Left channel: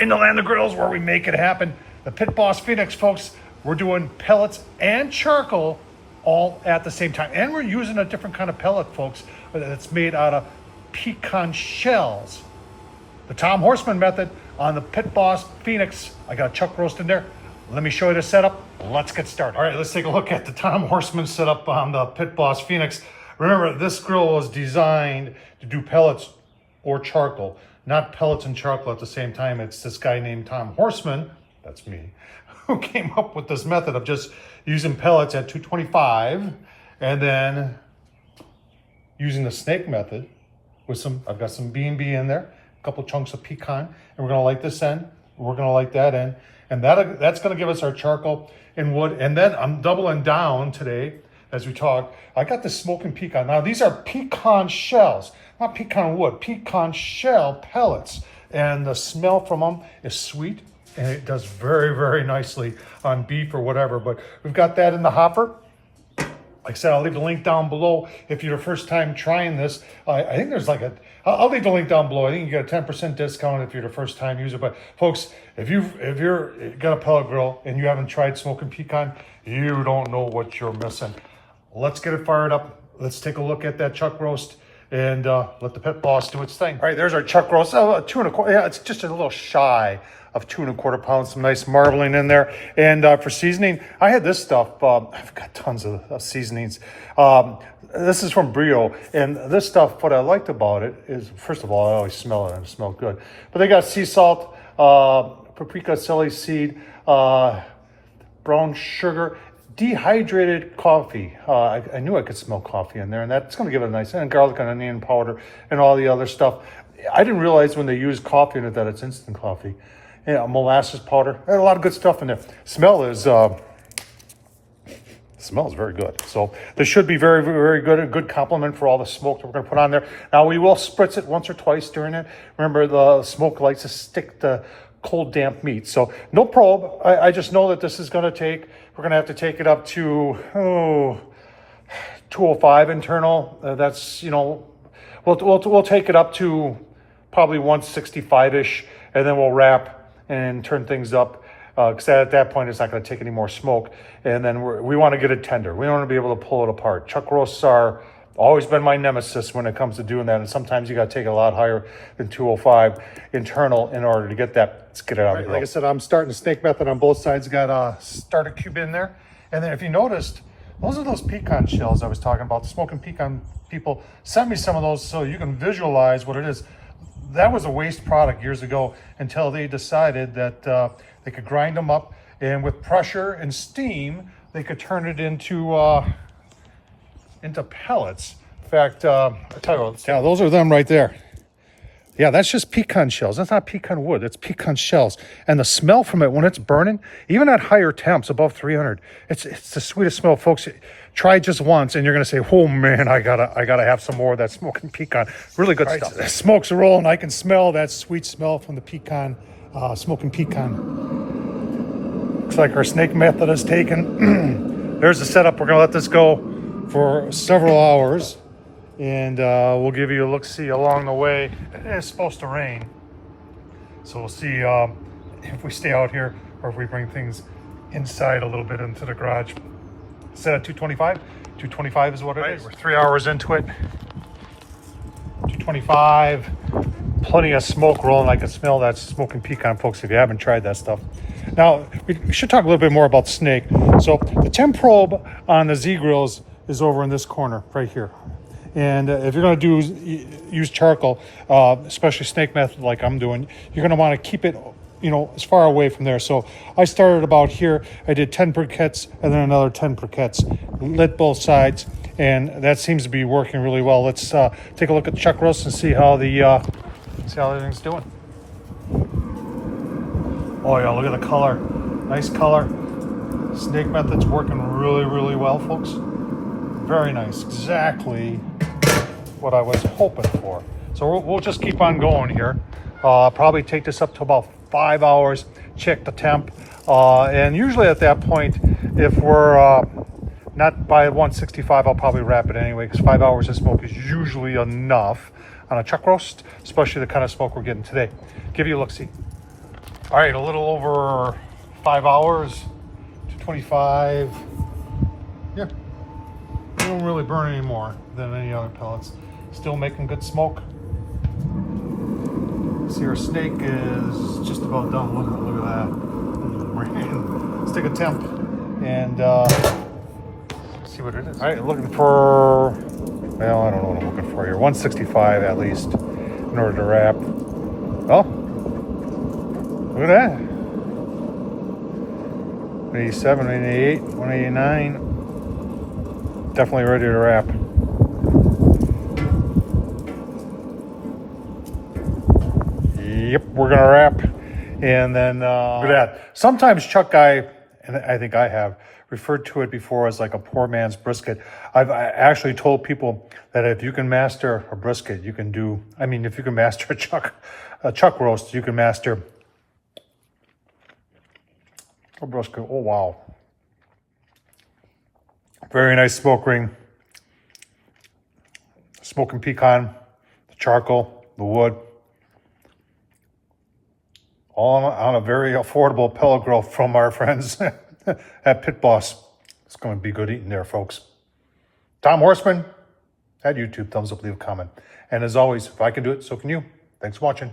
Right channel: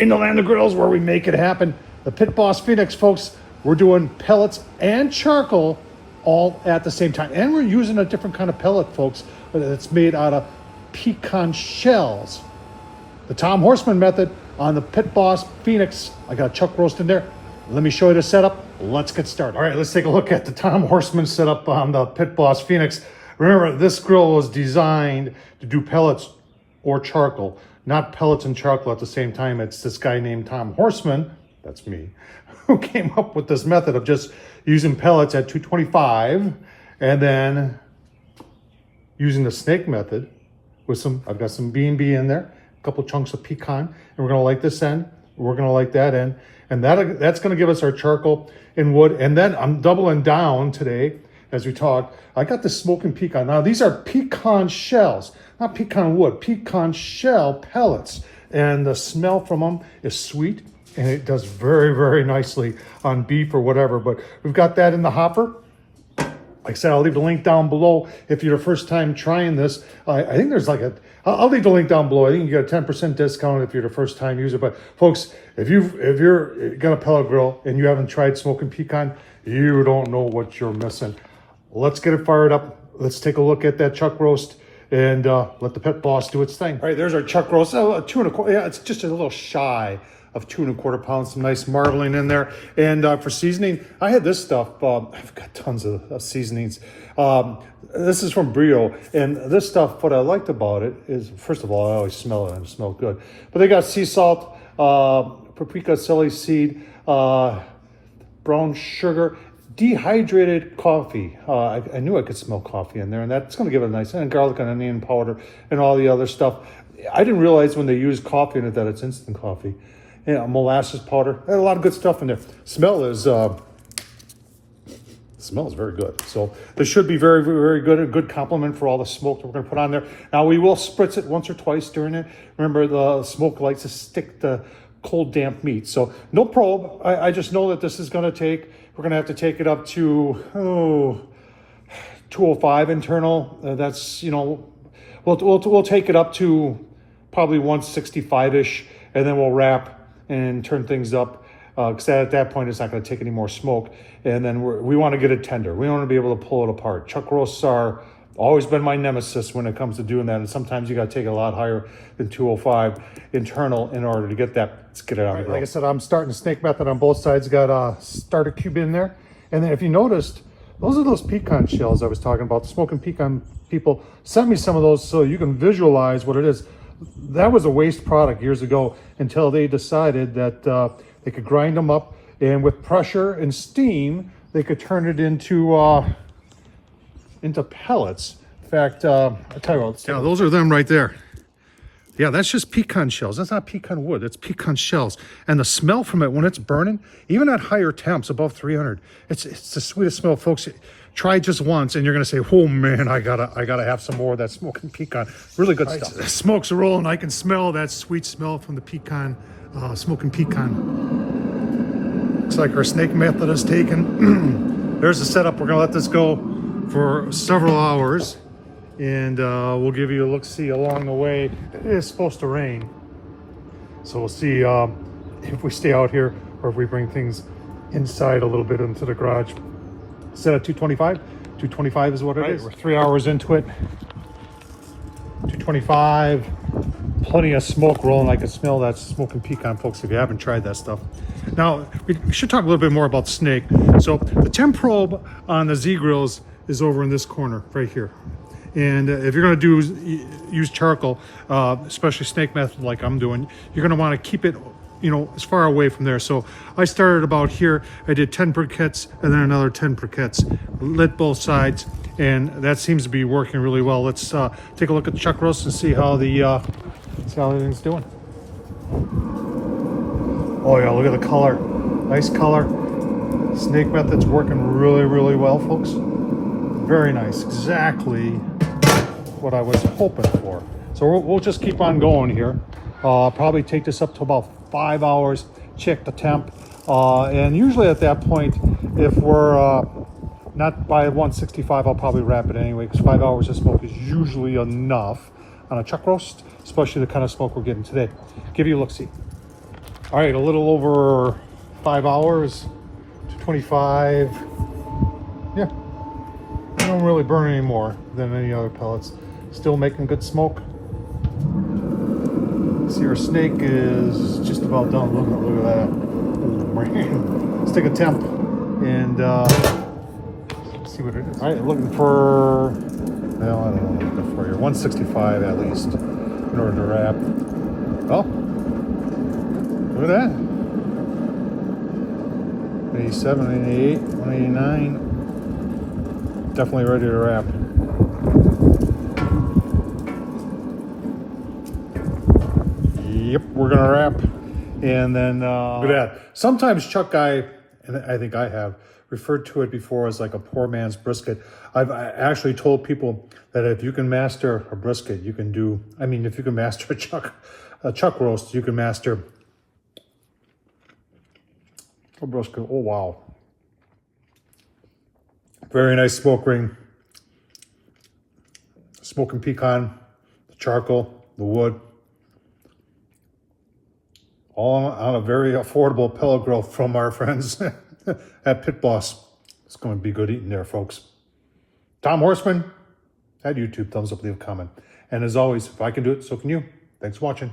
in the land of grills where we make it happen. The Pitboss Phoenix, folks. We're doing pellets and charcoal all at the same time. And we're using a different kind of pellet, folks, that's made out of pecan shells. The Tom Horsman method on the Pitboss Phoenix. I got a chuck roast in there. Let me show you the setup. Let's get started. All right, let's take a look at the Tom Horsman setup on the Pitboss Phoenix. Remember, this grill was designed to do pellets or charcoal, not pellets and charcoal at the same time. It's this guy named Tom Horsman, that's me, who came up with this method of just using pellets at 225 and then using the snake method with some, I've got some B&B in there, a couple chunks of pecan, and we're gonna light this end, we're gonna light that end, and that's gonna give us our charcoal and wood. And then I'm doubling down today as we talk. I got the smoking pecan. Now these are pecan shells, not pecan wood, pecan shell pellets. And the smell from them is sweet, and it does very, very nicely on beef or whatever. But we've got that in the hopper. Like I said, I'll leave the link down below if you're the first time trying this. I think there's like I'll leave the link down below. I think you get a 10% discount if you're the first time user. But folks, if you're got a pellet grill and you haven't tried smoking pecan, you don't know what you're missing. Let's get it fired up. Let's take a look at that chuck roast and let the Pitboss do its thing. All right, there's our chuck roast. 2 1/4. Yeah, it's just a little shy of 2 1/4 pounds. Some nice marbling in there. And for seasoning, I had this stuff. I've got tons of seasonings. This is from Brio, and this stuff, what I liked about it is, first of all, I always smell it and it smells good. But they got sea salt, paprika, celery seed, brown sugar, dehydrated coffee. I knew I could smell coffee in there, and that's going to give it a nice, and garlic and onion powder and all the other stuff. I didn't realize when they use coffee in it that it's instant coffee. Yeah, molasses powder. There's a lot of good stuff in there. Smell is very good. So this should be very, very good. A good compliment for all the smoke that we're going to put on there. Now we will spritz it once or twice during it. Remember, the smoke likes to stick to cold, damp meat. So no probe. I just know that this is going to take. We're going to have to take it up to 205 internal. That's, you know, we'll take it up to probably 165-ish, and then we'll wrap and turn things up, because at that point it's not going to take any more smoke. And then we want to get it tender. We want to be able to pull it apart. Chuck roasts are always been my nemesis when it comes to doing that, and sometimes you got to take it a lot higher than 205 internal in order to get that. Let's get it out. Right, like I said, I'm starting the snake method on both sides. Got a starter cube in there, and then if you noticed, those are those pecan shells I was talking about. The smoking pecan people sent me some of those so you can visualize what it is. That was a waste product years ago until they decided that they could grind them up, and with pressure and steam, they could turn it into pellets. In fact, I'll tell you what, yeah, those are them right there. Yeah, that's just pecan shells. That's not pecan wood, that's pecan shells. And the smell from it when it's burning, even at higher temps, above 300, it's the sweetest smell, folks. Try it just once and you're gonna say, oh man, I gotta have some more of that smoking pecan. Really good stuff. The smoke's rolling. I can smell that sweet smell from the pecan, smoking pecan. Looks like our snake method is taken. There's the setup. We're gonna let this go for several hours, and we'll give you a look-see along the way. It is supposed to rain, so we'll see if we stay out here or if we bring things inside a little bit into the garage. Set at 225. 225 is what it is. We're 3 hours into it. 225. Plenty of smoke rolling. I can smell that smoking pecan, folks, if you haven't tried that stuff. Now, we should talk a little bit more about the snake. So the temp probe on the Z grills is over in this corner right here. And if you're going to use charcoal, especially snake method like I'm doing, you're going to want to keep it, you know, as far away from there. So I started about here. I did 10 briquettes and then another 10 briquettes, lit both sides, and that seems to be working really well. Let's take a look at the chuck roast and see how everything's doing. Oh yeah, look at the color. Nice color. Snake method's working really, really well, folks. Very nice. Exactly what I was hoping for. So we'll just keep on going here. Probably take this up to about 5 hours, check the temp, and usually at that point, if we're not by 165, I'll probably wrap it anyway, because 5 hours of smoke is usually enough on a chuck roast, especially the kind of smoke we're getting today. Give you a look-see. All right, a little over 5 hours to 25. Yeah, they don't really burn any more than any other pellets. Still making good smoke. See, our snake is just about done. Look at that. Let's take a temp and see what it is. All right, looking for, well, I don't know what I'm looking for here. 165 at least in order to wrap. Oh, look at that. 187, 188, 189. Definitely ready to wrap. Yep, we're gonna wrap, and then look at that. Sometimes Chuck Guy, and I think I have referred to it before as like a poor man's brisket. I actually told people that if you can master a brisket, you can do. I mean, if you can master a chuck roast, you can master a brisket. Oh wow, very nice smoke ring, smoking pecan, the charcoal, the wood. All on a very affordable pellet grill from our friends at Pitboss. It's going to be good eating there, folks. Tom Horsman at YouTube. Thumbs up, leave a comment. And as always, if I can do it, so can you. Thanks for watching.